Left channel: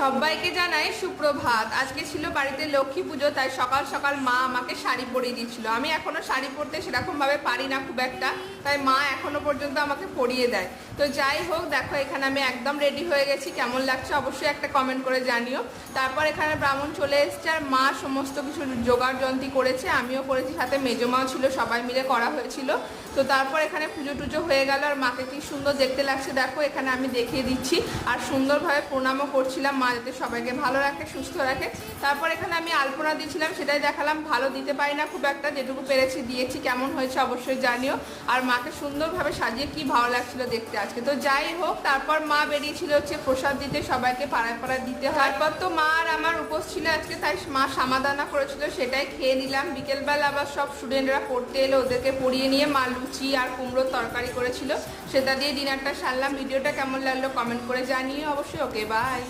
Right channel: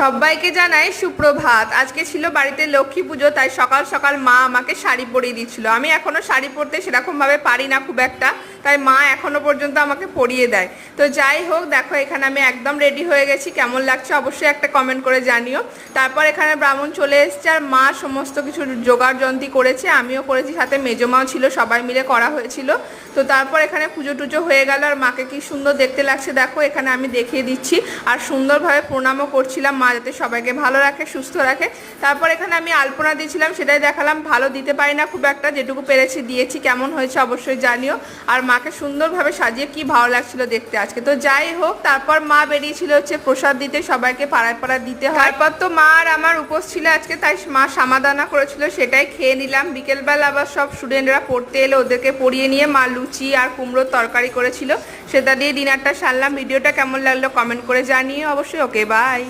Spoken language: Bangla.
সবাইকে জানাই সুপ্রভাত। আজকে ছিল বাড়িতে লক্ষ্মী পুজো, তাই সকাল সকাল মা আমাকে শাড়ি পরিয়ে দিচ্ছিল। আমি এখনো শাড়ি পরতে সেরকমভাবে পারি না খুব একটা, তাই মা এখনো পর্যন্ত আমাকে পরিয়ে দেয়। তো যাই হোক, দেখো এখানে আমি একদম রেডি হয়ে গেছি। কেমন লাগছে অবশ্যই একটা কমেন্ট করে জানিও। তারপর এখানে ব্রাহ্মণ চলে এসছে আর মা সমস্ত কিছু জোগাড় যন্ত্রী করেছে, আমিও করেছি, সাথে মেজমাও ছিল, সবাই মিলে করা হয়েছিল। তো তারপর এখানে পুজো টুজো হয়ে গেল আর মাকে কি সুন্দর দেখতে লাগছে দেখো। এখানে আমি দেখিয়ে দিচ্ছি আর সুন্দরভাবে প্রণামও করছিলাম, মা যাতে সবাইকে ভালো রাখে, সুস্থ রাখে। তারপর এখানে আমি আলপনা দিয়েছিলাম, সেটাই দেখালাম। ভালো দিতে পারি না খুব একটা, যেটুকু পেরেছি দিয়েছি। কেমন হয়েছে অবশ্যই জানিও। আর মাকে সুন্দরভাবে সাজিয়ে কি ভালো লাগছিল দেখতে আজকে। তো যাই হোক, তারপর মা বেরিয়েছিল হচ্ছে প্রসাদ দিতে, সবাইকে পাড়ায় পাড়ায় দিতে হয়। তারপর তো মা আর আমার উপোস ছিল আজকে, তাই মা সামাদানা করেছিল, সেটাই খেয়ে নিলাম। বিকেলবেলা আবার সব স্টুডেন্টরা পড়তে এলে, ওদেরকে পড়িয়ে নিয়ে মা লুচি আর কুমড়োর তরকারি করেছিল, সেটা দিয়ে ডিনারটা সারলাম। ভিডিওটা কেমন লাগলো কমেন্ট করে জানিও অবশ্যই। ওকে, বাই।